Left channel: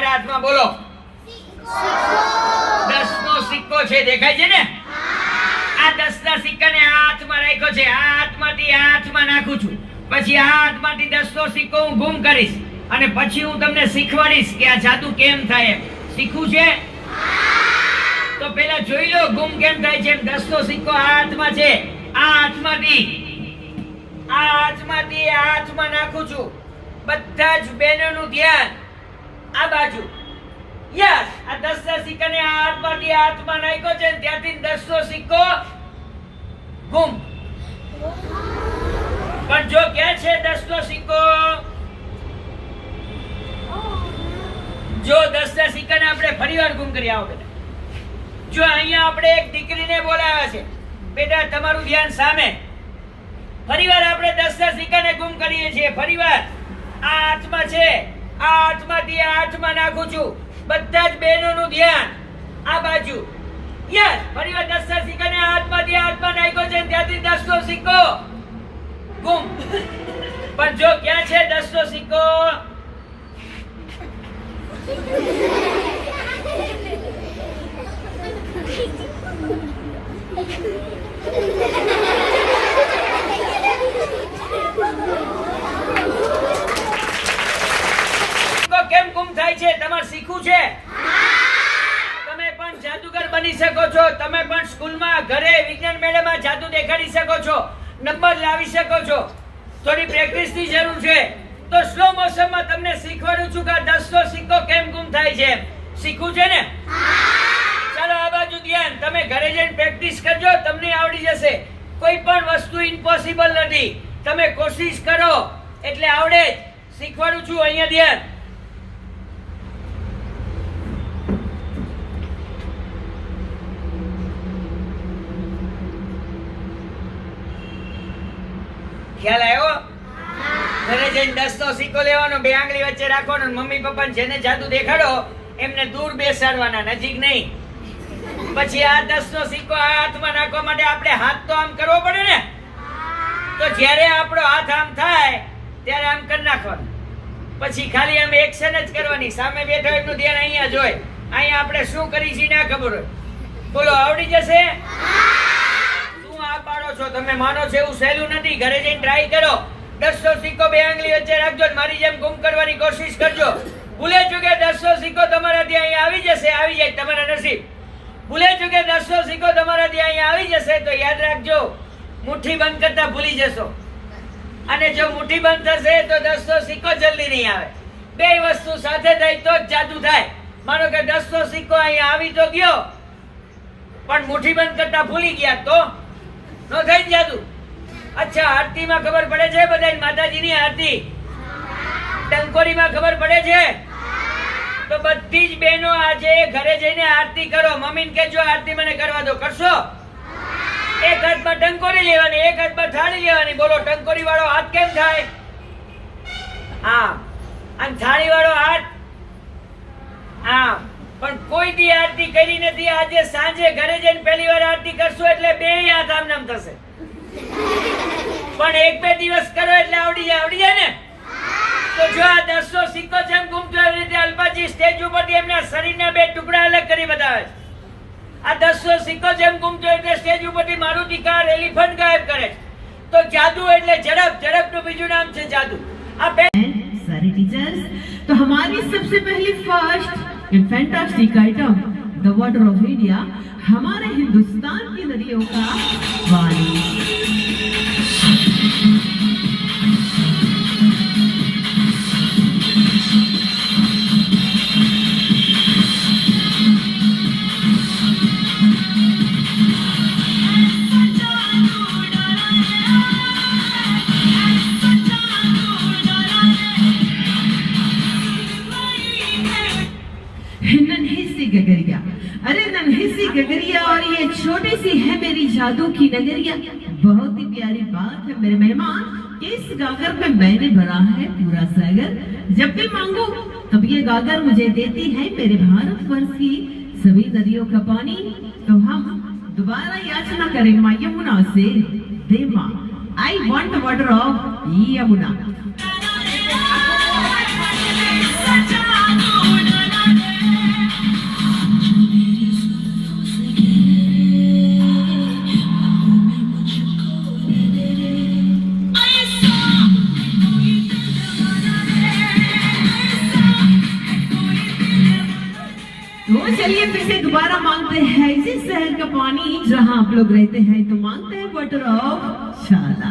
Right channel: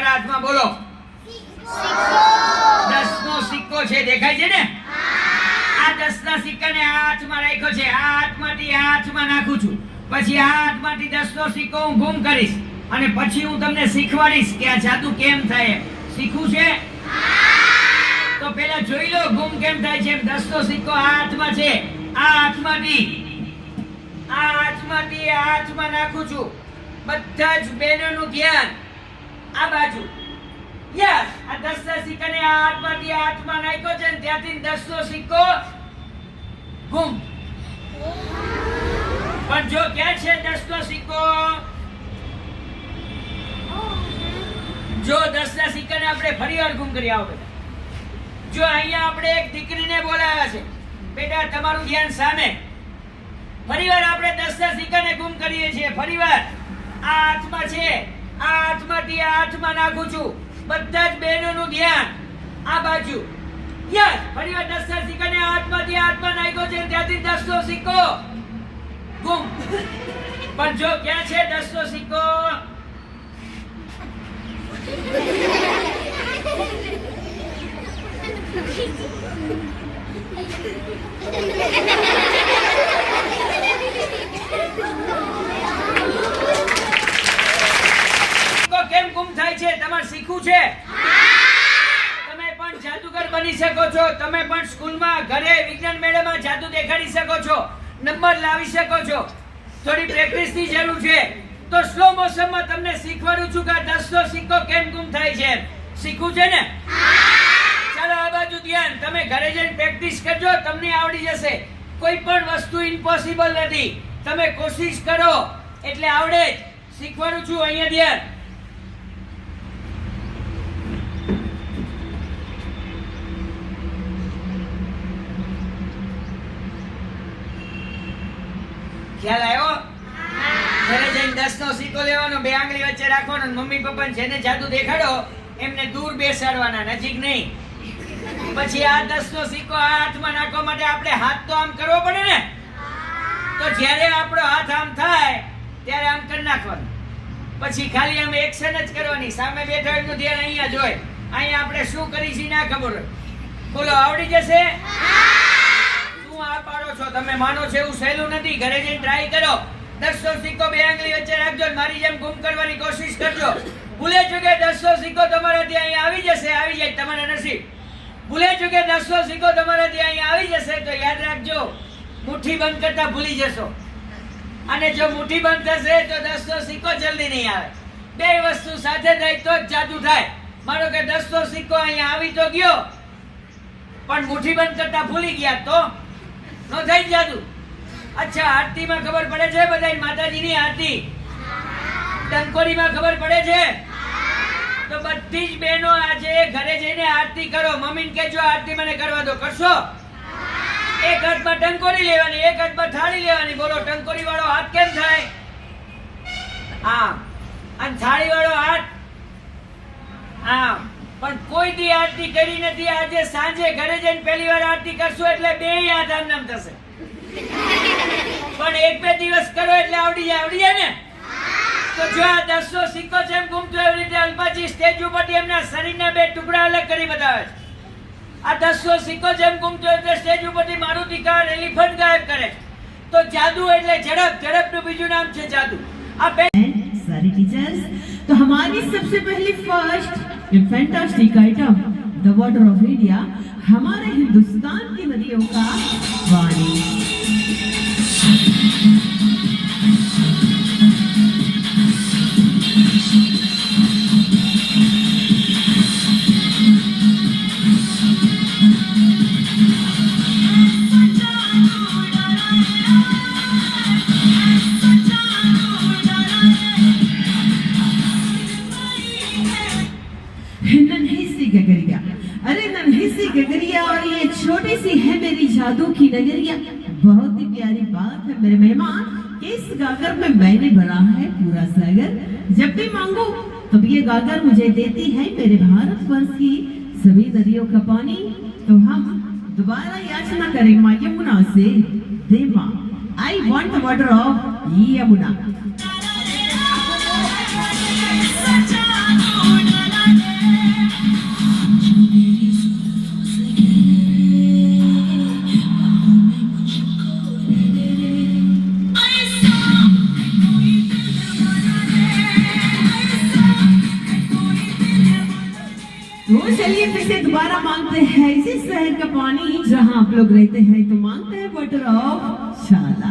હાથમાં બોલો 10 નો સિક્કો છે, દેખાય છે ને? આ 10 ના સિક્કાને હાથમાં રાખ્યો છે, આ હાથમાંથી હાથમાં નાખું છું, પછી આ હાથમાંથી 10 નો સિક્કો હું ગુમ કરીશ અને પછી હું તમને શીખવાડીશ કે આ જાદુ કેમ થાય. શીખવું છે? તો પેલા જોઈ લો ગુમ કેમ થાય છે. 10 નો સિક્કો આ હાથમાં છે, આ હાથમાંથી હાથમાં નાખું છું. બધા જ બહેનોનું ધ્યાન આ બાજુ. યસ, આ 10 ના સિક્કાને આ હાથમાંથી હાથમાં નાખ્યો છે, ત્યાંથી 10 નો સિક્કો ગુમ. પણ જો ક્યાં છે 10 નો સિક્કો? જો 10 ના સિક્કાને આપણે ફરીવાર ગુમ કરી. આવો બેટા, જો અહીંયા આપણે એક દીકરીને બોલાવ્યા છે. બેટા તમારું ધ્યાન સામે. ફરીવાર આપણે 10 ના સિક્કાને ગુમ કરીએ છીએ. ફરીવાર આ હાથમાં છે, આ હાથમાંથી હાથમાં નાખું છું. બધા જ બહેનોનું ધ્યાન આ બાજુ. યસ, ફરીવાર 10 ના સિક્કાને હાથમાંથી હાથમાં નાખ્યો છે, ત્યાંથી 10 નો સિક્કો ગુમ. પણ જો ક્યાં છે 10 નો સિક્કો? કેમ ગુમ થાય છે? તમારે શીખવું છે? તમે પણ જાદુગર બની શકો છો. તમે પણ સ્કૂલમાં, ઘરે, વિજ્ઞાન મેળામાં જાદુ દેખાડી શકો છો, નંબર લાવી શકો છો. થોડી પ્રેક્ટિસની જરૂર છે. તો સ્લો મોશનમાં તમને શીખવાડું છું કે 10 નો સિક્કો કેમ ગુમ થાય છે. શીખવું છે ને? ચાલો આ બાજુ ધ્યાન. તમે ઘરે જઈને પ્રેક્ટિસ કરજો, તમને આવડી જશે. કોઈ પણ વસ્તુ ઇમ્પોસિબલ નથી. તમે કોશિશ કરો એટલે આવડે જ. શીખવાડું છું, અહીંયા ધ્યાન. ખ્યાલ આવ્યો? ઘરે જઈને 10 નો સિક્કો લેવાનો, બે આંગળી વચ્ચે રાખવાનો, મમ્મી પપ્પાને જેને જાદુ દેખાડો એમને દૂર બેસાડવાના, નજીક નહીં. પછી આ 10 નો સિક્કો આ હાથમાં નાખવા માટે આપણે હાથ તો આમ કરવો પડે ને. તો જ્યારે આપણો હાથ આમ થાય ત્યારે આમ કરી નાખવાનું. પછી ખાલી આમ એક્શન જ કરવાની. સામે બેઠા એટલું ધ્યાન અહીંયા જોઈ. અહીંયા આપણે શું કરી છે ના ખબર હોય. બોલો, આવડી જશે? તમે માનો છો એવું સહેલું નથી. ઘરે જઈને ટ્રાય કરો. 10 નો સિક્કો બે આંગળી વચ્ચે રાખજો, મારી જેમ ગુમ કરવાની કોશિશ કરજો. ભૂલે ચૂકે 10 નો સિક્કો તમારાથી અહીંયા આવી જશે, આવી જાય તમારા નસીબ. ભૂલે ચૂકે 10 નો સિક્કો તમારાથી અહીંયા આવી જશે તો યાદ રાખજો, મુઠ્ઠી બંધ કરતા ભૂલી જશો. અને જો મુઠ્ઠી બંધ થશે તો 10 નો સિક્કો જલ્દી નહીં આવે. બે વસ્તુ સાથે થાય તો જ જાદુ થાય. માનો કે 10 નો સિક્કો અહીંયા આવી તો ગયો, પણ મુઠ્ઠી બંધ કરતા ભૂલી ગયા તો નો થઈ જાદુ. અચ્છા, આરતીમાં ખબર પડે છે બધાય? માતાજીની આરતી ટંકોરીમાં ખબર પડે છે? તો બધી જ બહેનો આજે ઘરે જઈને આરતી કરો. મમ્મીને કહેજો આરતી મને કરવા દો. કરશો? એક હાથમાં ટંકોરી લેવાની, એક હાથમાં થાળી લેવાની. બોલો, ટંકોરી વાળો હાથ કેમ થાય? આમ. અને થાળી વાળો હાથ આમ. પણ કોઈ દી આરતી કરી નથી. આજે સાંજે ઘરે જઈને પહેલી વાર આરતી કરશો એટલે બે હાથ આમ નામ થશે. પણ એક બે દિવસ કરો એટલે આવડી જાય ને. તો જો આ 10 નો સિક્કો જેમ ગુમ થયો એવી રીતે અલ્પાજી સ્ટેજ ઉપરથી એમના શરીરના બે ટુકડા અલગ કરી બતાવે છે. આ 10 નો સિક્કો જેમ ગુમ થયો એટલે સ્ટેજ ઉપરથી મારુતિ કાર, એલિફન્ટ ગાયબ કરે છે. તો જાદુ એટલે ઝડપ. ઝડપનું બીજું નામ છે જાદુ. આ सारे टीचर्स, तो हमारी सबसे पहली first fantastic item the water of India हमारे हिंदुस्तान की नदियों का पानी. गगरिया, अरे नन्ही सी गगरिया और ये छोटी सी है मेरी जादू की नगरिया. बहुत ही प्यारी बात है मेरे मेहमान कि इस गागर में मैंने भरा है पूरा सागर. जब भी मांगो तब ये गागर मुझे देती है मेरे भारतवर्ष की सभी नदियों का पानी. तो हम दोबारा याचना करें माँ यमुना से, दे माँ, I want the water of Yamuna. तो चलिए फिर से दोबारा मांगते हैं इसी शहर का पानी जहाँ आप लोग रहते हैं, तो मांगते हैं वाटर ऑफ शाला।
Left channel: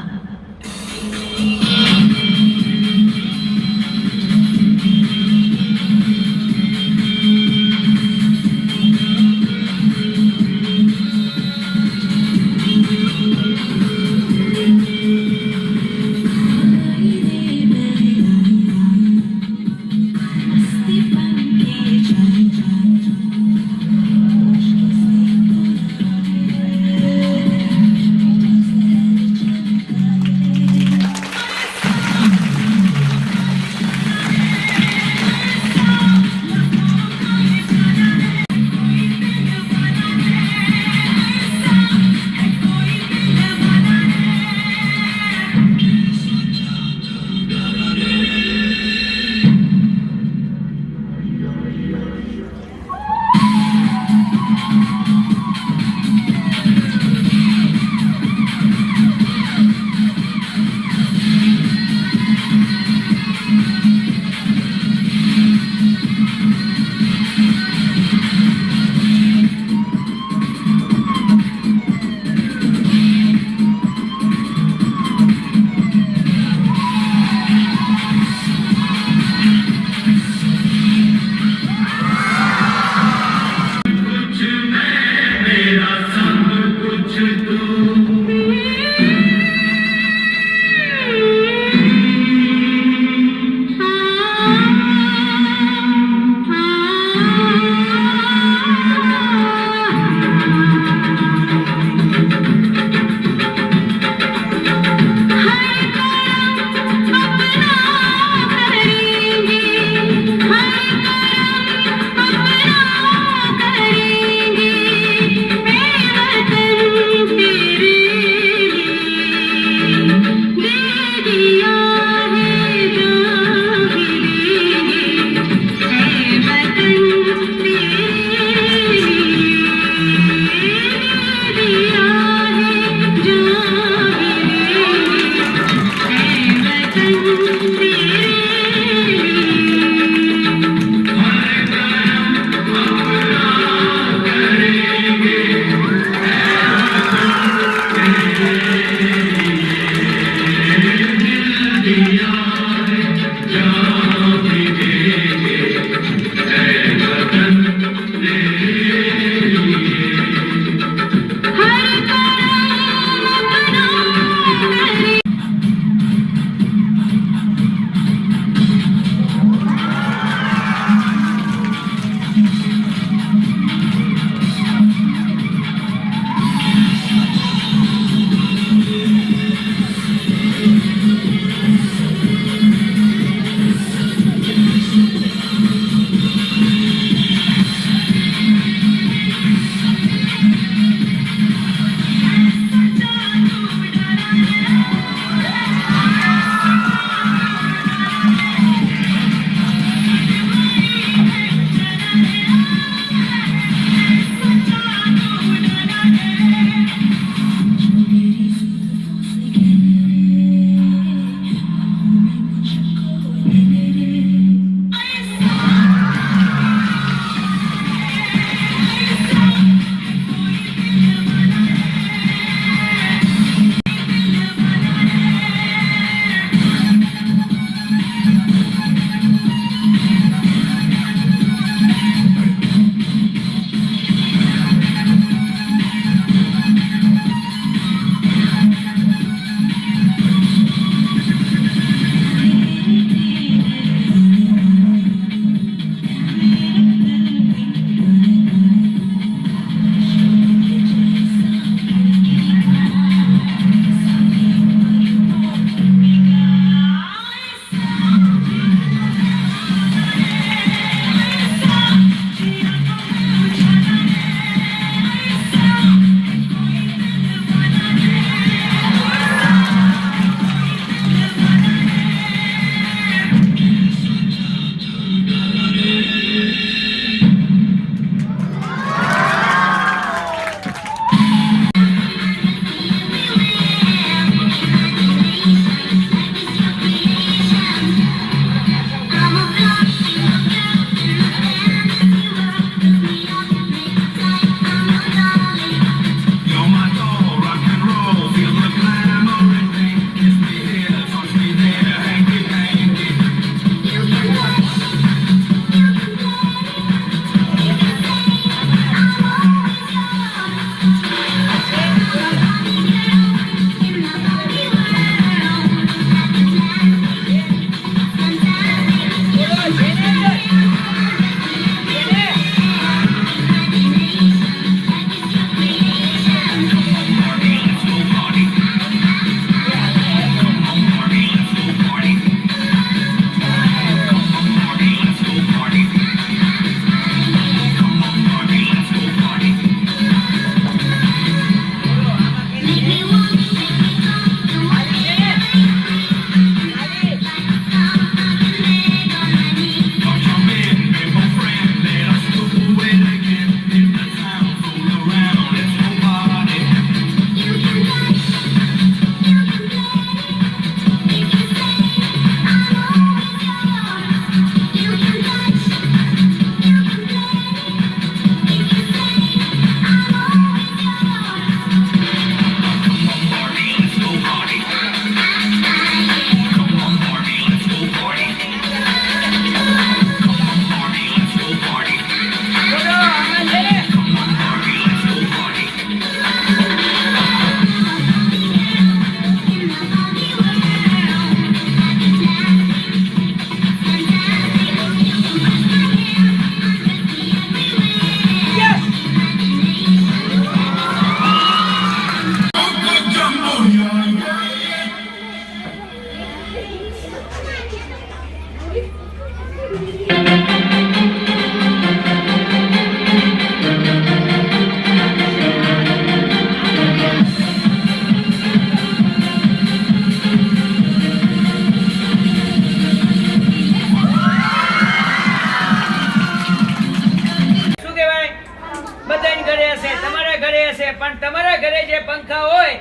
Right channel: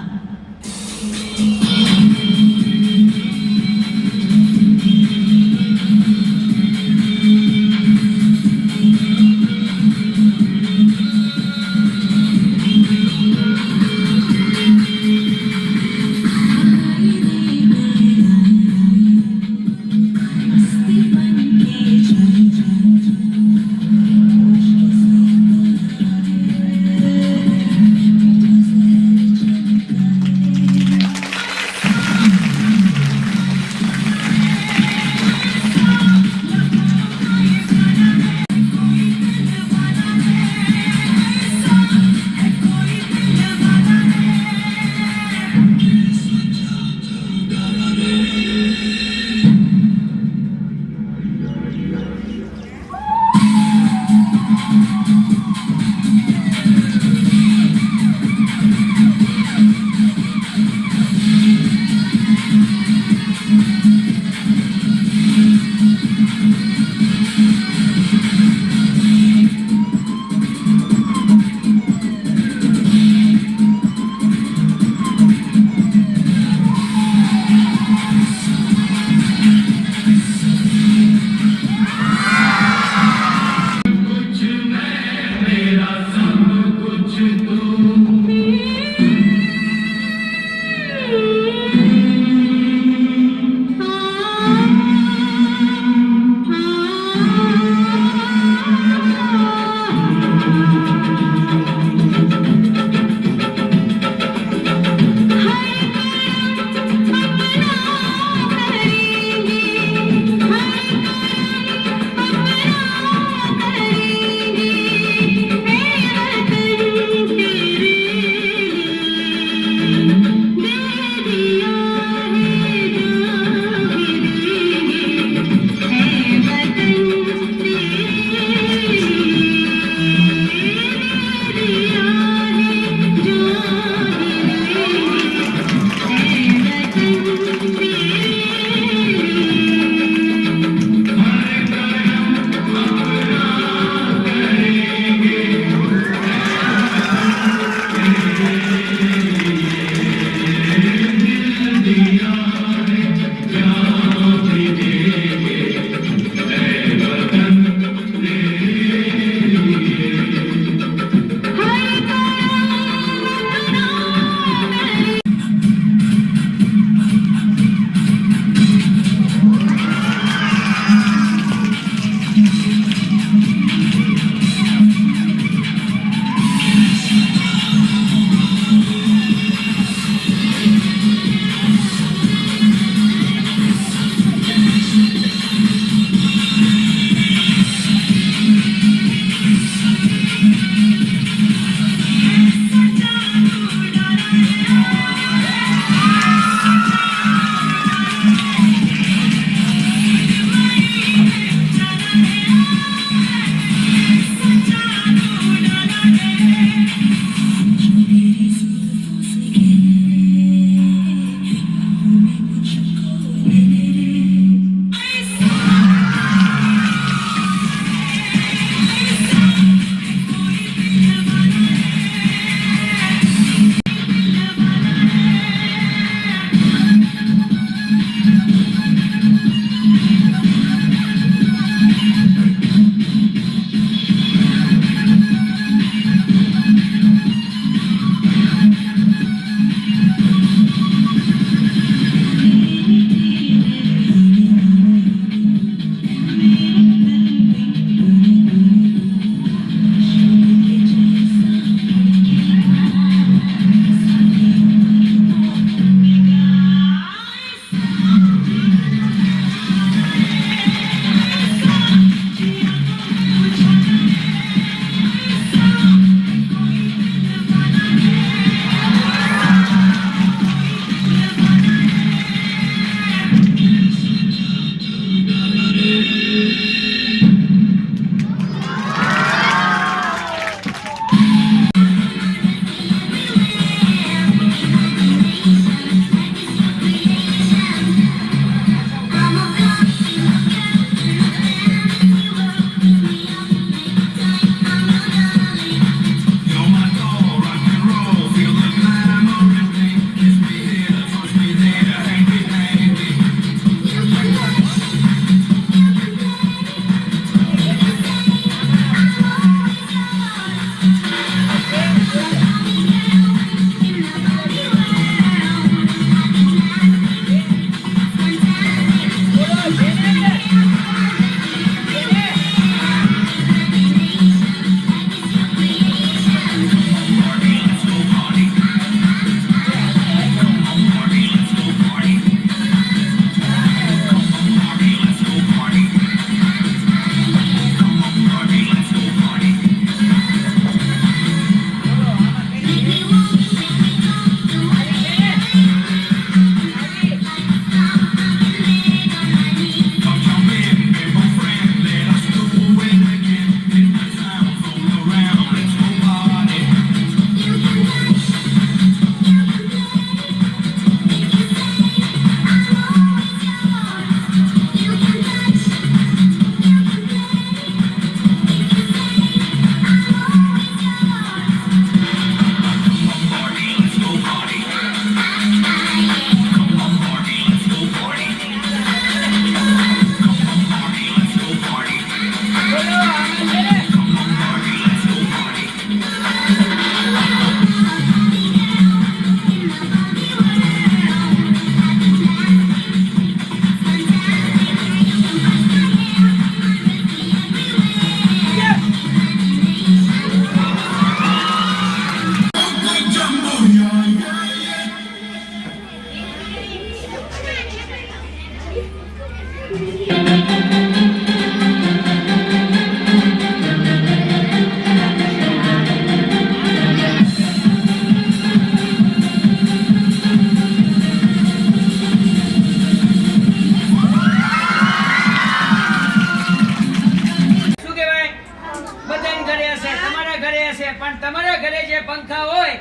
છે, પણ તમારા ઘરે જે પંખા હોય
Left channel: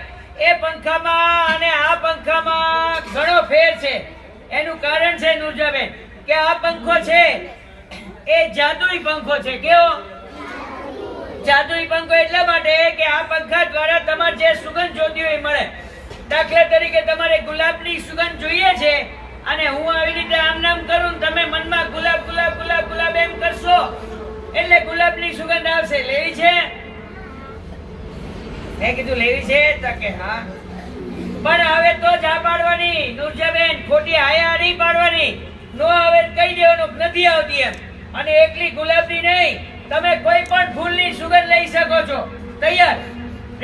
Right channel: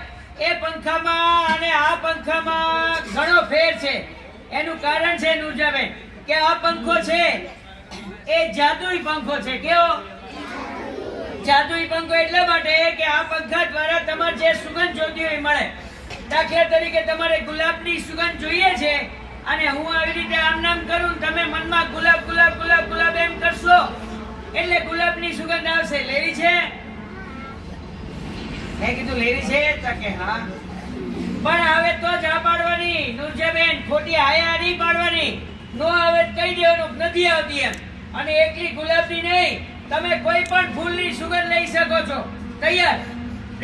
એ પંખામાં અને આ પંખામાં ઘણો ફેર છે. એનું કારણ છે નુરજાબેન કે આ પંખો છે એ જાદુઈ પંખો છે. કેવો? જાદુઈ પંખો એટલા માટે કે આ પંખા દ્વારા તમારે જે સુગંધ જોતી હોય એ મળે. દાખલા તરીકે તમારે ગુલાબની સુગંધ જોઈએ છે અને હું આવી રીતે આમ નામ કરું, તમે મનમાં ગુલાબ ગુલાબ ગુલાબ ગુલાબ એમ કરશો એટલે ગુલાબની સુગંધ આવશે. લેવી છે? મેં કીધું લેવી છે તો કે હા. પણ આવે તો જ આ પાડવાની નુરજાબેન, ખોટી આયા નહીં પાડવાની. નો આવે કહી દેવાનું નથી આવતી એમ. અને એકલી ગુલાબની નહીં, તમે કોઈ પણ ફૂલની સુગંધ લઈ શકો છો. તૈયાર?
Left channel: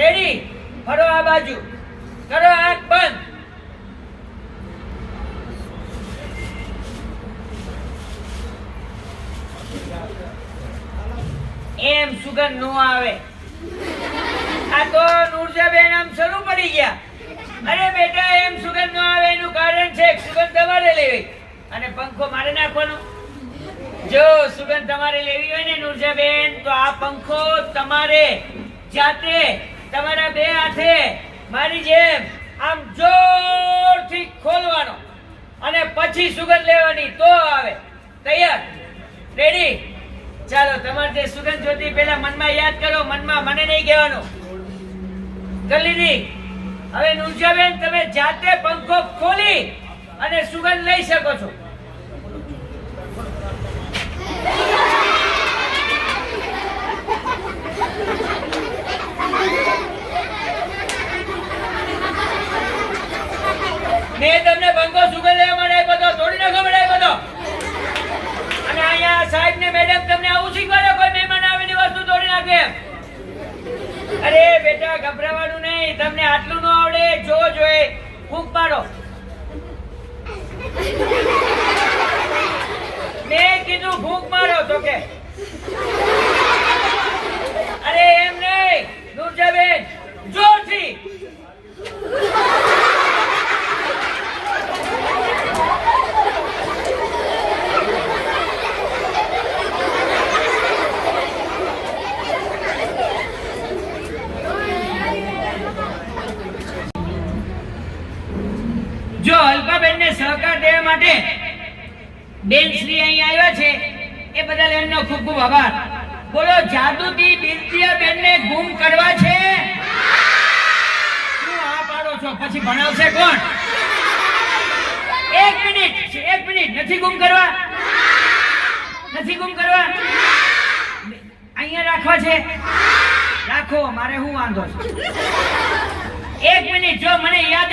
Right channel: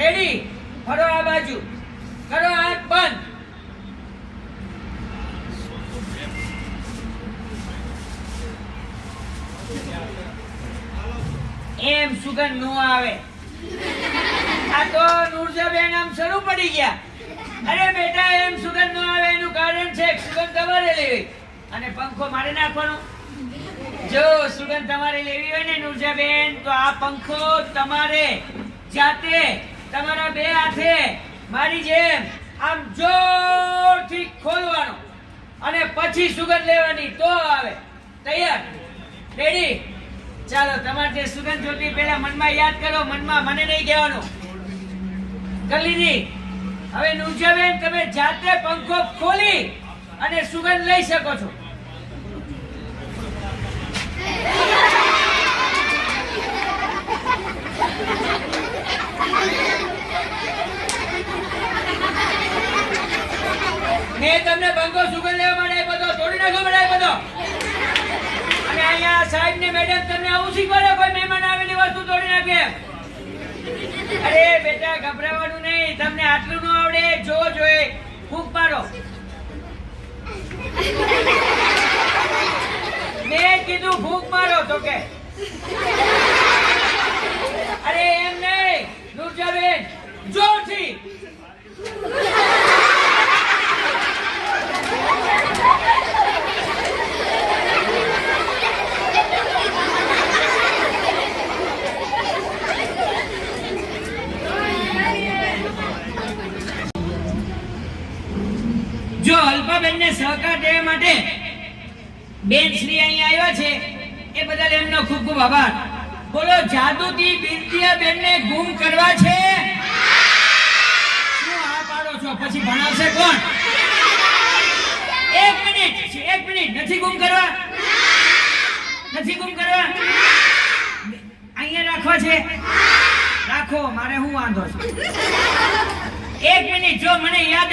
રેડી? ફરો આ બાજુ, કરો આંખ બંધ. એમ સુગંધ નો આવે. આ તો નુરજાબેન આમ શરૂ પડી ગયા. અરે બેટા એમ સુગંધ નો આવે એનું કારણ છે સુગંધ તમારે લેવી અને પંખો મારે નાખવાનો. જો સુગંધ તમારે લેવી હોય ને નુરજાબેન, તો આ પંખો તમારે જાતે તમારા બે હાથે મારી જેમ આમ જોરથી ખોલવાનો અને પછી સુગંધ લેવાની તો આવે. તૈયાર? રેડી? ચાલો, તમારે જે સુગંધ જોતી પેલા મનમાં યાદ કરો. મનમાં, મને નહીં કહેવાનું. કરી લીધી? હવે નુરજાબેન તમે જાતે પંખો ખોલી અને સુગંધ લઈ શકો છો. મેં તમને પંખો સુગંધ લેવા માટે આપ્યો હતો, તોડી નાખો માટે આપ્યો હતો. અને અહીંયા સાહેબ ને મેડમ તમને આવું શીખવાડે કોઈ મહેમાન આવીને વસ્તુ તોડી નાખે? અરે બેટા ગભરાવાનું નહીં, તમને આટલું ન આવડે. જો જોઈ ફૂંક મારો. મેં કીધું ફૂંક મારો તો કે અરે એમ નહીં નુરજાબેન, જોરથી. જો અલ્પાબેન ને સહકાર દેવા માટે બેન શ્રી અહીં આવ્યા છે એ બદલ એમનો ખૂબ ખૂબ આભાર. બોલો, જાદુથી બિરતિયાબેન ને ગુમ કરવા છે? શું આ પાડો છો? પછી ભણાવશે કોણ? એક મિનિટ, નથી ગુમ કરવા? નથી ગુમ કરવા? અહીંયા રાખવા છે? રાખો, મારે શું વાંધો છે? એક મિનિટ, જો મને યાદ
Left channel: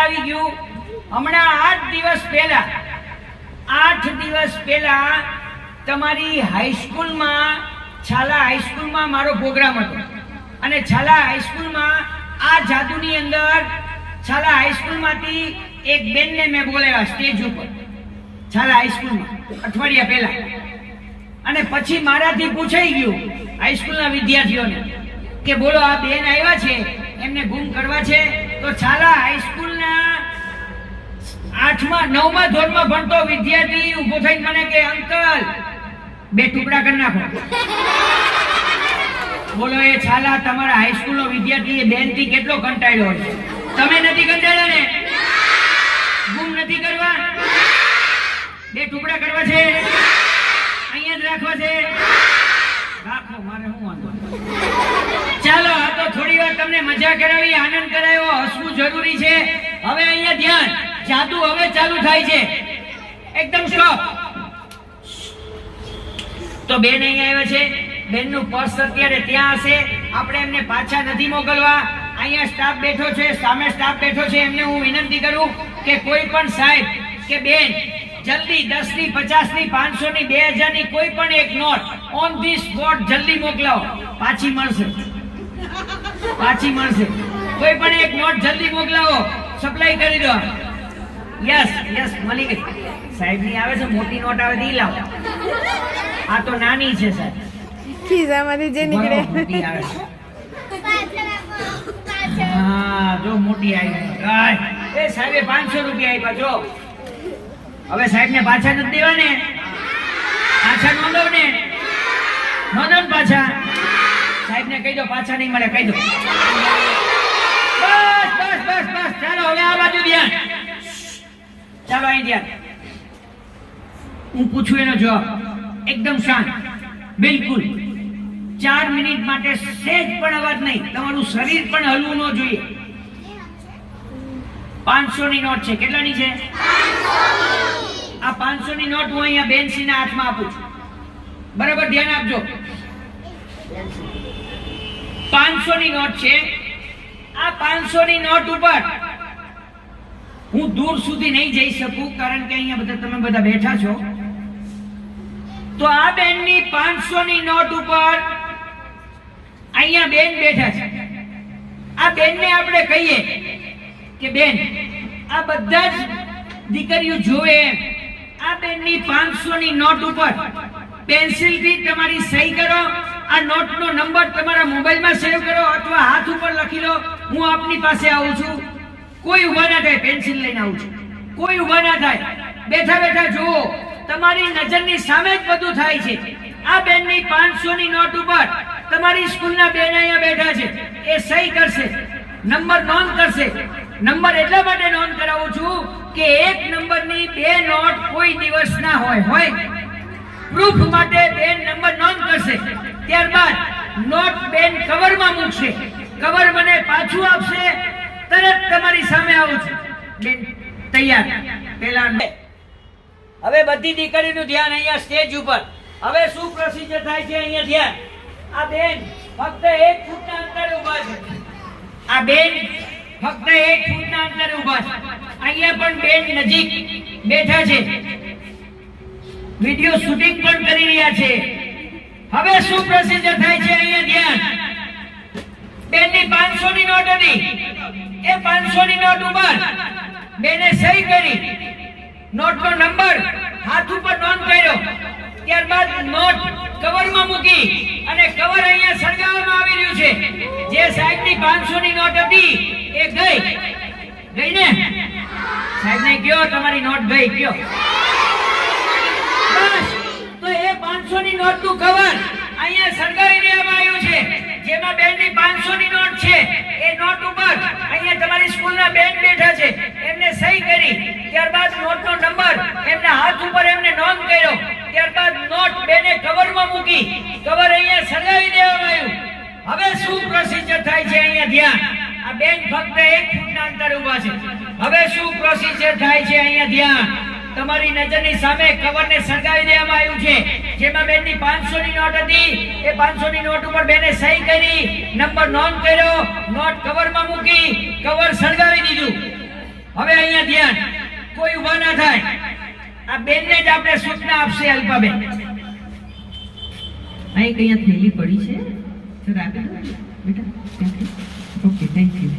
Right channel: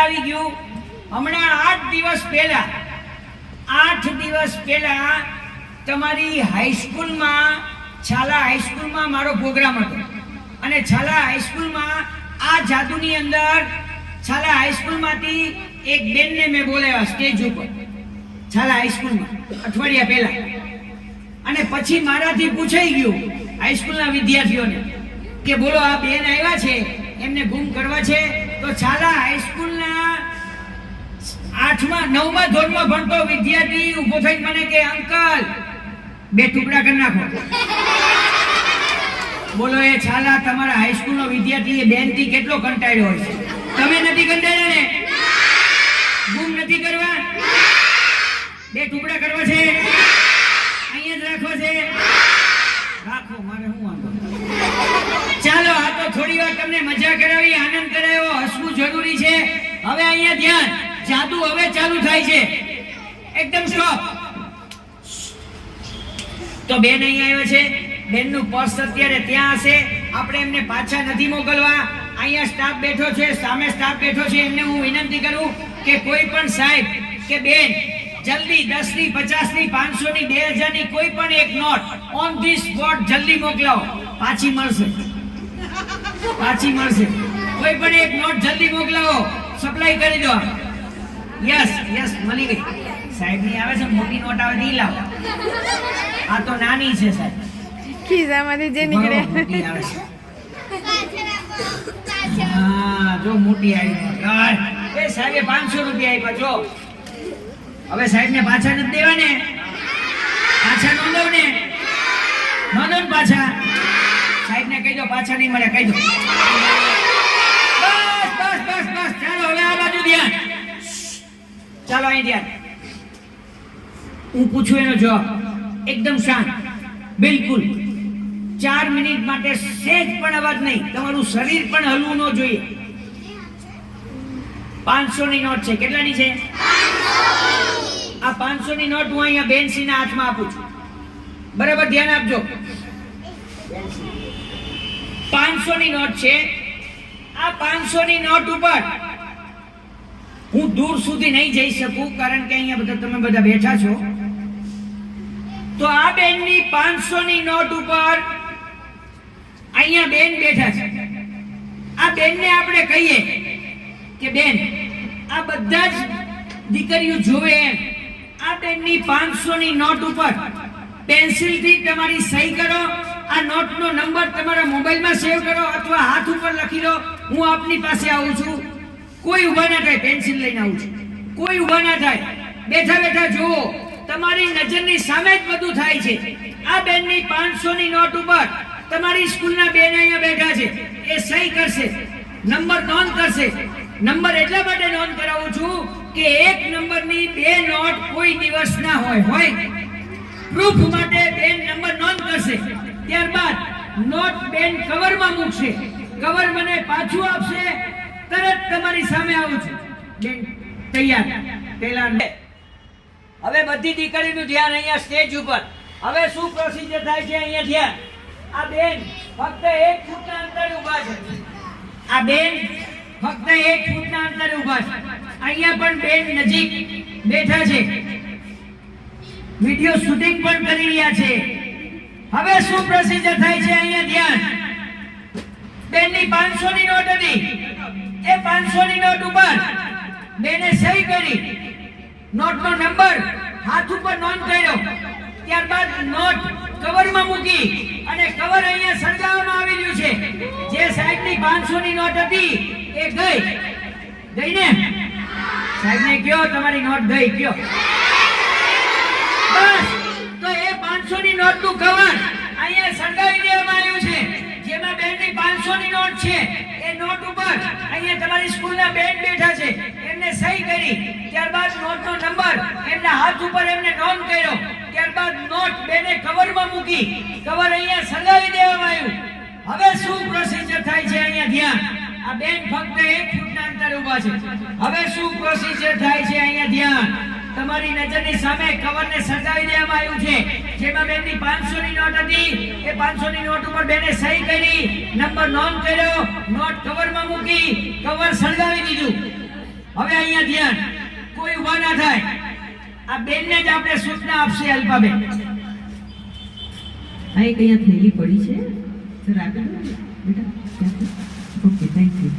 આવી ગયું, હમણાં 8 દિવસ પહેલા તમારી હાઈસ્કૂલમાં, છાલા હાઈસ્કૂલમાં મારો પ્રોગ્રામ હતો અને છાલા હાઈસ્કૂલમાં આ જાદુની અંદર છાલા હાઈસ્કૂલમાંથી એક બેનને મેં બોલાવ્યા સ્ટેજ ઉપર, છાલા હાઈસ્કૂલમાં અઠવાડિયા પહેલા. અને પછી મારાથી પૂછાઈ ગયું હાઈસ્કૂલના વિદ્યાર્થીઓને કે બોલો આ બેન આવ્યા છે, એમને ગુમ કરવા છે. તો છાલા હાઈસ્કૂલના 9મા ધોરણમાં ભણતો વિદ્યાર્થી ઉભો થઈ મને કે અંકલ 2 ટુકડા કરી નાખો. બોલો, એ છાલા તમારા હાઈસ્કૂલનો વિદ્યાર્થી એ બેનથી કેટલો કંટાળ્યો હોય છે? તમે નથી કંટાળ્યા ને? ગુમ નથી કરવા? 2 ટુકડા કરવા છે? અહીંયા જ રાખવા છે? રાખો, મારે શું વાંધો. ચાલો, આ તો થોડી વાર તમને મજા કરાવી, આનંદ કરાયો, હસવું જરૂરી છે. હવે અહીંયા ધ્યાન, જાદુ હવે ચાલુ થાય છે. એકદમ સ્ટોપ. તો બેન અહીંયા આવ્યા છે, બેનનું પર્સ અત્યારે ત્યાં હશે. આપણે એમને પાછા નથી મોકલવા. અહીંયા સ્ટાફ બેઠો છે, સામે સ્ટાફ બેઠો છે. એમને હું વિનંતી કરું કે કોઈ પણ સાહેબ કે બેન જલ્દી 10 ની 50 ની 500 ની 2000 ની કોઈ પણ એક નોટ ઓન ધી સ્પોટ જલ્દી મોકલાવો. પાછી મળશે. કોઈ પણ એક નોટ જલ્દી મોકલાવો, સપ્લાય કરી દો. યસ, મળી ગઈ. સાહેબ ની આવે છે, મોટી નોટ આવે તો ઈ લાવો. આ તો નાની છે સાહેબ. ખિસ્સામાંથી જે નીકળે મોટી આવે છે. હા, જો મોટી આવી. એ સાહેબે 500 રૂપિયા આપ્યા. જો હવે સાહેબ ને પાછા નથી દેવા ને? પાછા નોંધો ને? નોંધો ને પાછા? સાહેબને કહી દો, પાછા નહીં મળે, કહી દો. બસ બસ બસ બસ, ચાલો હવે આ બાજુ ધ્યાન. ચાલો અહીં ધ્યાન. હું પૂછું એનો જવાબ એકદમ શાંત, બિલકુલ 4 મિનિટ માટે સહેજ પણ અવાજ નહીં, તમારું શરીર પણ હલવું ન જોઈએ. 500 ની નોટ છે. કેટલાની છે? 500. આ 500 ની નોટ હું અહીંયા બેનસીના હાથમાં આપું છું. બરાબર ધ્યાન આપજો. 500 ની નોટ છે. આ 500 ની નોટ ઉપર હું દૂર સુધી નહીં જઈ શકું, કારણ કે અહીંયા બધા તમે બધા બેઠા છો. તો આ બેનની 500 ની નોટ ઉપર અહીંયા બેન બેઠા છે. આ બેનને આપણે કહીએ કે બેન, આ બધા જ દીકરીઓ જોવે એમ આ બેનની 500 ની નોટ ઉપર પેન્સિલથી તમારી સહી કરો. આ નોટનો નંબર તમારા મોબાઈલમાં સેવ કરો અથવા હાથ ઉપર લખી લો. હું આપની પાસે આવું છું. કોઈ ઊભા ના થાય, પેન્સિલ લઈને આવું છું. કોઈ ઊભા ના થાય, બેઠા બેઠા જુઓ. તમારી નજરની સામે જ બધું થાય છે. આ બેનની 500 ની નોટ ઉપર તમારી સ્કૂલના બેન અહીંયા બેઠા છે. એ સહી કરશે, નંબર નોંધ કરશે. નંબર એટલા માટે નોંધ કરાવું છું કે એક નંબરની 2 નોટ કોઈ દિવસ ના હોય. પ્રૂફ માટે બેન નંબર નોંધ કરશે. ત્યારબાદ નોટ બેન કવરમાં મૂકશે. કવર મને પાછું આપશે. તરત તમારી સામે આવું છું. બેન તૈયાર. પહેલા હવે બધી દીકરીનું ધ્યાન અહીંયા સ્ટેજ ઉપર. હવે શું પ્રોસિજર થાય છે અહીંયા ધ્યાન. આ બેન ફક્ત 1 ફૂટના અંતરે ઊભા છે. આ બેન ફક્ત 1 ફૂટના અંતરે ઊભા છે. અહીંયા પણ બેન નજીક બેઠા છે. વિડિયો શૂટિંગ પણ કરી રહ્યા છે. હવે શું પ્રોસિજર થાય છે અહીંયા ધ્યાન. બેનની 500 ની નોટ હતી. એ 500 ની નોટ ઉપર બેને સહી કરી, નોટનો નંબર હાથ ઉપર નોંધ કર્યો. ત્યારબાદ નોટ કવરમાં મૂકી અને કવર અહીંયા સળગાવવામાં આવી રહ્યું છે. જે સાહેબની 500 ની નોટ હતી એ ગઈ ને? સાહેબને કયો તમારી નોટ ગઈ, કયો. બસ, તો એ 500 ની નોટનું કવર અહીંયા સળગાવી દેવામાં આવ્યું છે. જેમાં બેનની 500 ની નોટ છે એ નોટ ઉપર અહીંયા તમારી સ્કૂલના બેન બેઠા છે. એમને સહી કરી, ત્યારબાદ નોટનો નંબર એમના હાથ ઉપર એમને નોંધ કર્યો. ત્યારબાદ નોટ બેને કવરમાં મૂકી, કવર અહીંયા સળગાવી દેવામાં આવ્યું. હવે શું પ્રોસિજર થાય છે અહીંયા ધ્યાન. આ બેન ફક્ત 1 ફૂટના અંતરે ઊભા છે. હવે શું પ્રોસિજર થાય છે અહીંયા ધ્યાન. તમારી નજરની સામે કવરને સળગાવી દેવામાં આવ્યું છે. જેમાં બેનની 500 ની નોટ હતી એ 500 ની નોટ ઉપર બેને સહી કરી, નંબર નોંધ કર્યો, નોટ કવરમાં મૂકી, કવર સળગાવી દીધું. હવે અહીંયા ધ્યાન. કોઈ ઊભા ના થાય. આ બેનને જ આપણે સૂચના આપશે અલ્પાબેન. અહીં કઈ થેલી પડી છે, સર આપી દો બેટા. Okay, thank you.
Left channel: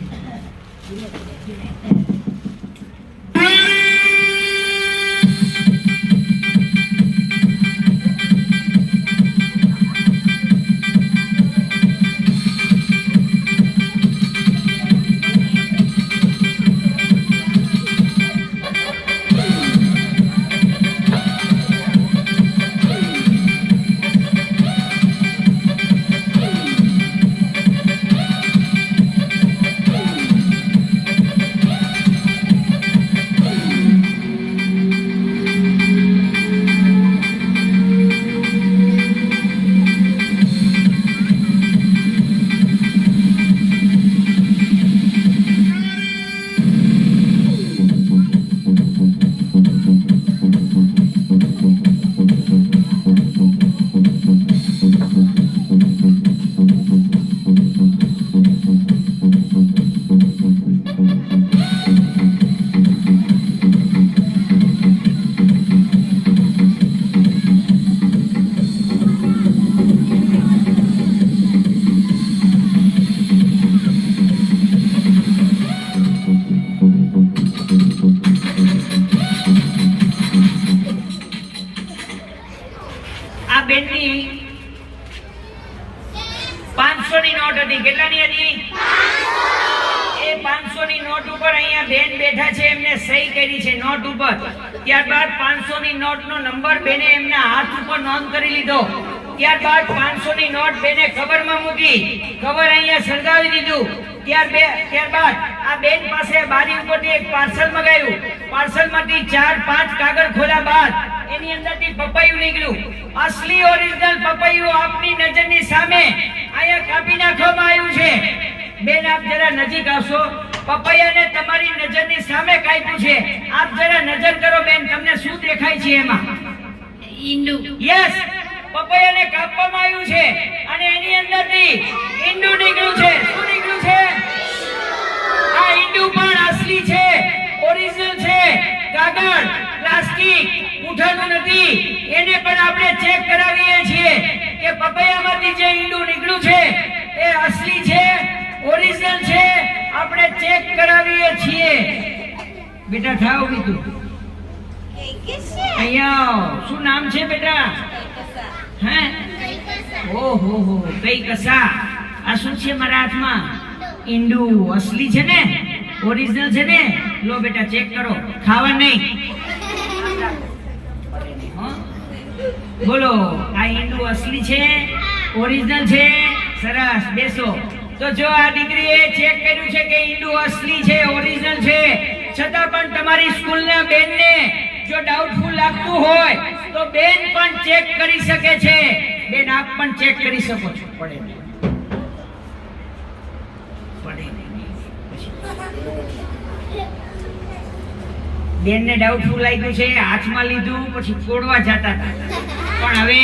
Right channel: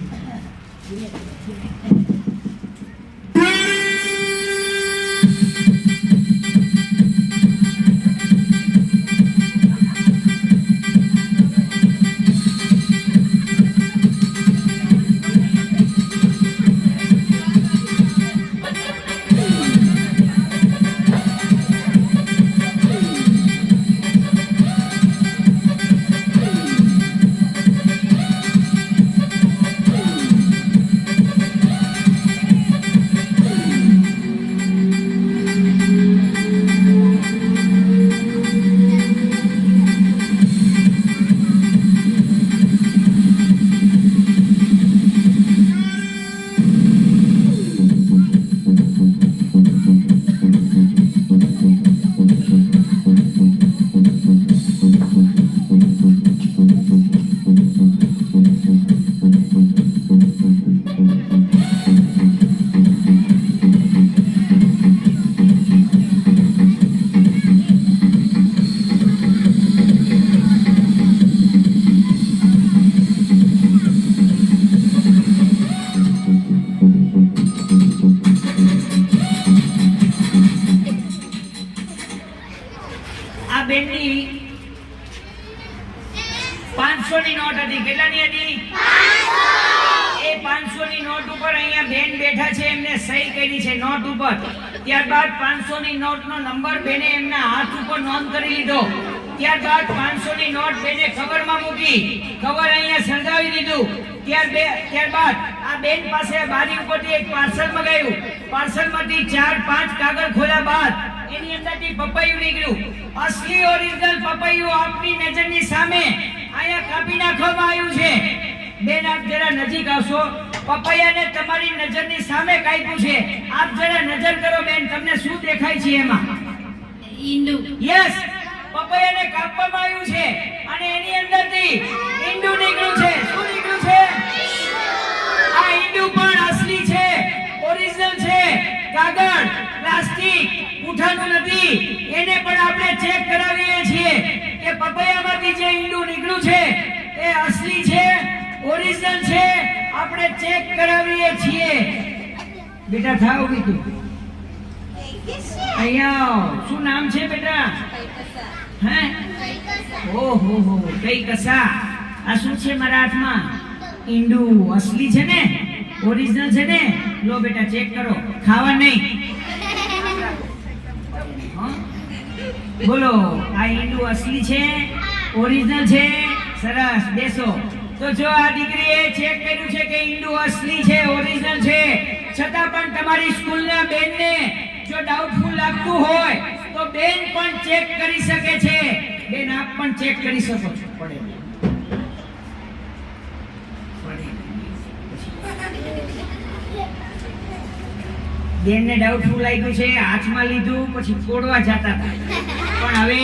બેનની 500 ની નોટ હતી. કેટલાની હતી? 500. એ 500 ની નોટ ઉપર અહીંયા બેન બેઠા છે, એમને સહી કરી છે નોટ ઉપર. ત્યારબાદ 500 ની નોટ નો નંબર બેને એમના હાથ ઉપર નોંધ કરી લીધો. ત્યારબાદ 500 ની નોટ બેને કવરમાં મૂકી, કવર અહીંયા સળગાવી દીધું. ત્યારબાદ આ બેન પાસે બારી ઉપરથી એક પાર્સલ મંગાવ્યું. પાર્સલમાંથી 4-5 કાગળ ખોલ્યા બાદ એની અંદરથી પપૈયું નીકળ્યું. અસલી ઓરિજિનલ પપૈયું આપની નજરની સામે અહીંયા કાપી નાખવામાં આવ્યું છે. બેન આપ જરા નજીક આવશો. પપૈયાને તમારી નજરની સામે કાપ્યું છે. આપ જરા નજર કરો બેન, તમને શું દેખાય છે એમાં? ઈંડુ. યસ, પપૈયાને કાપવામાં આવ્યું છે અને એની અંદરથી ઈંડુ નીકળ્યું છે. શું નીકળ્યું છે? આ ઈંડુ પણ અસલી છે, ઓરિજિનલ છે. કાગળ, પ્લાસ્ટિક, પૂંઠાનું નથી. એને પણ આપણે ચેક કરાવીએ છીએ કે પપૈયામાંથી જે ઈંડુ નીકળ્યું છે એ અસલી છે, ઓરિજિનલ છે. આપણે ચેક કરાવીએ છીએ. બેટા થાવ બીજું અહીંયા આવો. શું નામ છે બેટા? હે? ઓહો હો, કઈ કસા. આ શું છે મારા હાથમાં? ઈંડુ. અસલી છે ને, ઓરિજિનલ છે ને? લો બેટા ચેક કરો. ખાવા નહીં. બોલો, આ ઈંડુ અસલી છે, ઓરિજિનલ છે? સરસ, બેસો. તો જો આ દીકરીએ ચેક કર્યું છે કે ઈંડુ અસલી છે, ઓરિજિનલ છે, છતાં પણ તમારી સ્કૂલના બેનને જો ડાઉટફુલ લાગતું હોય તો બેન પણ ચેક કરી શકે છે. બેન આપ પણ ચેક કરી શકો છો. પડે નહીં. બેનને ડાઉટફુલ લાગ્યું છે, હાથમાં લીધું, પછી ફોડવા જતા હતા, પણ હવે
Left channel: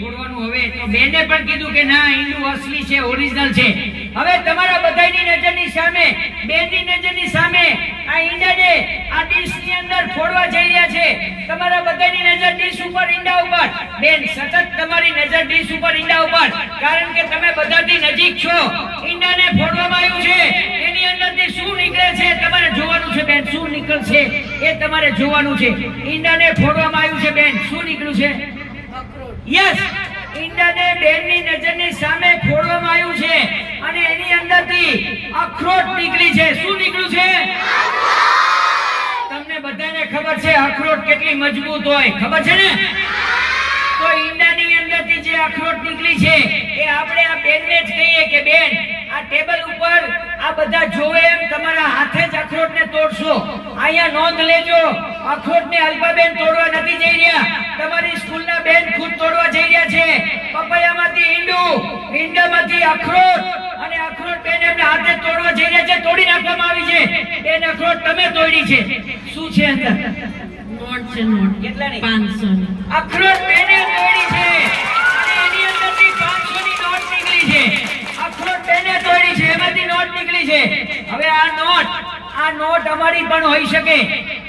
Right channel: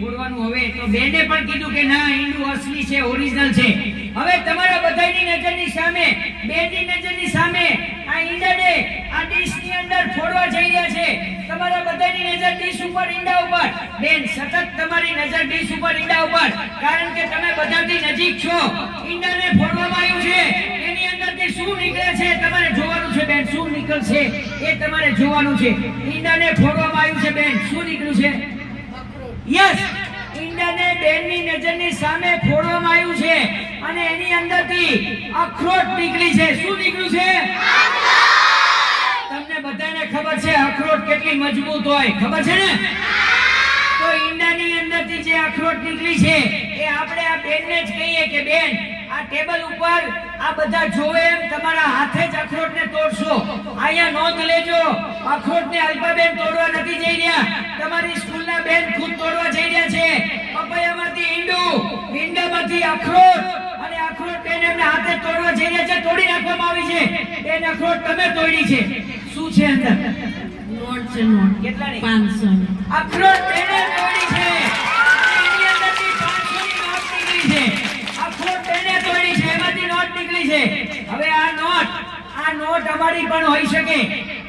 ફોડવાનું હવે તો બેને પણ કીધું કે ના, ઈંડુ અસલી છે, ઓરિજિનલ છે. હવે તમારા બધાની નજરની સામે, બેનની નજરની સામે આ ઈંડાને આ ડીશની અંદર ફોડવા જઈ રહ્યા છે. તમારા બધાની નજર ડીશ ઉપર, ઈંડા ઉપર. બેન સતત તમારી નજર ડીશ ઉપર, ઈંડા ઉપર, કારણ કે તમે બધાથી નજીક છો. ઈંડાને ફોડવામાં આવ્યું છે, એની અંદરથી શું નીકળે છે તમારે જોવાનું છે. બેન શું નીકળશે એ તમારે જોવાનું છે. ઈંડાને ફોડવામાં આવ્યું છે. બેન શું નીકળ્યું છે? યસ, ઈંડાને બેનની નજરની સામે ફોડવામાં આવ્યું છે અને એની અંદરથી અખરોટ નીકળી છે. શું નીકળ્યું છે? તમને બધાને ખબર છે અખરોટ કેટલી મજબૂત હોય, ખબર છે ને? તો ઈંડાની અંદરથી જે અખરોટ નીકળી છે એ આપણે આ બેનને જ કહીએ કે બેન આ ટેબલ ઉપર આ બધા જોવે એમ તમારા હાથે જ અખરોટને તોડશો. અહીંયા નોંધ લેજો, અખરોટને અલ્પાબેન તોડવા નથી જઈ રહ્યા, તમારી સ્કૂલના બેન ખુદ તોડવા જઈ રહ્યા છે. પપૈયામાંથી ઈંડુ, ઈંડામાંથી અખરોટ અને અખરોટ બેન એમના હાથે તોડવા જઈ રહ્યા છે. તોડી નાખવામાં આવી છે. બેન અખરોટ તમે તોડી છે. શું છે અંદર? નોટ છે. નોટ કેટલાની? 500 ની. અખરોટ બેને તોડી છે. એની અંદરથી 500 ની નોટ નીકળી છે. અખરોટ બેને તોડી છે, એમાંથી નોટ નીકળી છે. હવે આ નોટ અમારી પણ હોઈ શકે,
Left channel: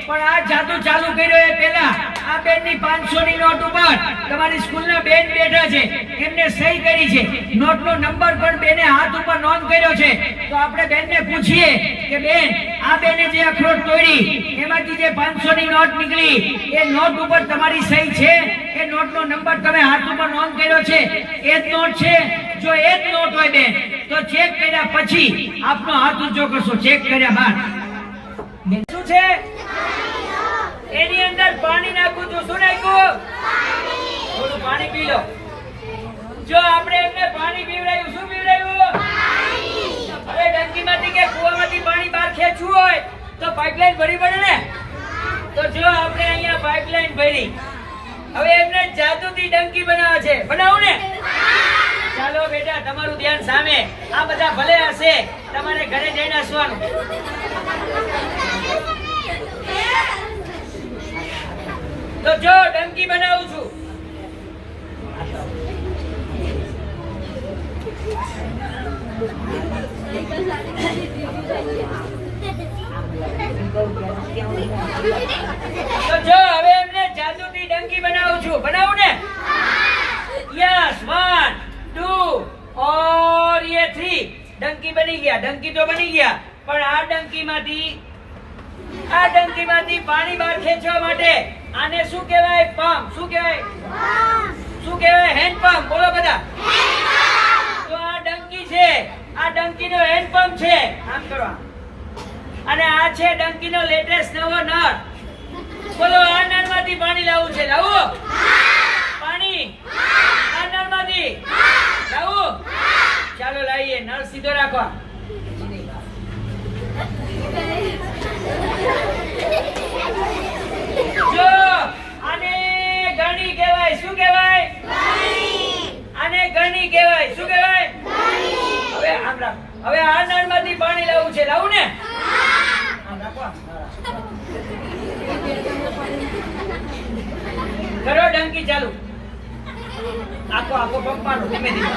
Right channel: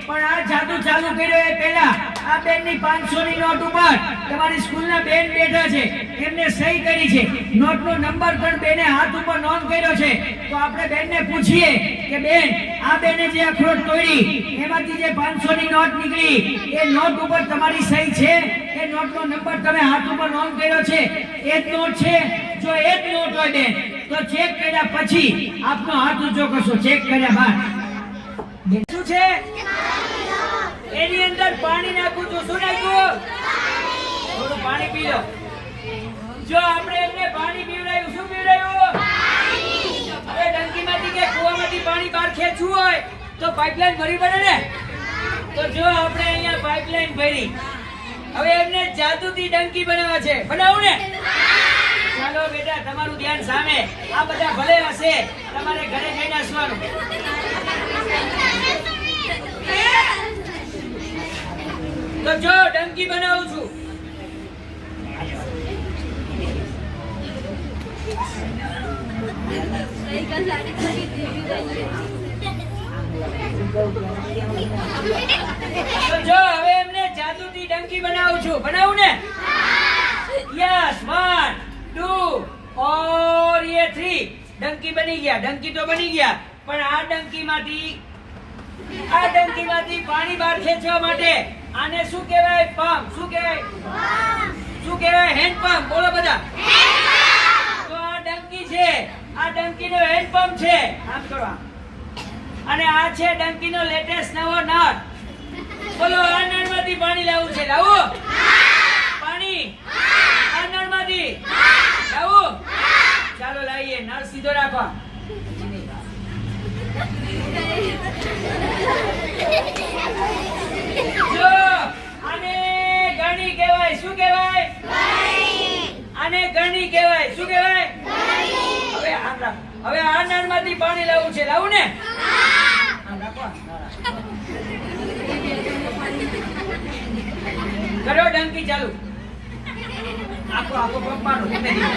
પણ આ જાદુ ચાલુ કર્યો એ પહેલા આ બેનની 500 ની નોટ ઉપર તમારી સ્કૂલના બેન બેઠા છે, એમને સહી કરી છે. નોટનો નંબર પણ બેને હાથ ઉપર નોંધ કર્યો છે. તો આપણે બેનને પૂછીએ કે બેન આ બેને જે અખરોટ તોડી એમાંથી જે 500 ની નોટ નીકળી એ નોટ ઉપર તમારી સહી છે? એ નોટનો નંબર તમે હાથ ઉપર નોંધ કર્યો છે, એ જ નોટ છે? જો એ જ નોટ હોય બેન તો ચેક કર્યા પછી આપનો હાથ ઊંચો કરશો. ચેક કર્યા બાદ શું છે? એની અંદર પાણી નાખું છું. શું નાખ્યું? થોડું પાણી પી લો. જો આપણે એમને પાણી પીવડાયું, શું પીવડાયું? હવે ડંકીમાંથી કે કૂવામાંથી પાણી બહાર ખેંચવું હોય તો પાઇપલાઈન ભરી પડે ને. તો જો આપણે અહીંયા પાઇપલાઈન ભરી, હવે એમને જાદુથી ડંકી બનાવવા છે. બનાવું ને? ચાલો બેટા, તમારું ધ્યાન સામે. આ બધા ભલે હશે, તમારે ઘરે જઈને હસવાનું. તો જો ડંકી બનાવું છું. તો જો હવે એમને જાદુથી ડંકી બનાવું છું. બનાવું ને? યસ, 1 2 और ये 3. ડંકી બની ગયા. ડંકી તો બની ગયા, પણ આ ડંકીમાંથી પાણી બહાર ખેંચવા માટે આને શું કહેવાય? પંપ. શું કહેવાય? શું કહેવાય? Hand pump. બોલો બધા. તો આ ડંકી છે, આ ડંકીનો હેન્ડ પંપ છે. આમ કરો. અને આ છે ડંકીનો લેટેસ્ટ નવો નળ. બોલો, આ નળમાંથી પાણી લાવવું છે. લાવો પાણી. આ નળમાં રાખો જો આને ગણી કહેવાય. શું કહેવાય? આને ગણી કહેવાય. શું કહેવાય? હવે આમ રાખ. હવે આ નળમાંથી પાણી લાવવું છે. લાવું ને? આમ રાખો. કરો ડંકી ચાલુ. આખો પંપ મારો ધીમે ધીમે.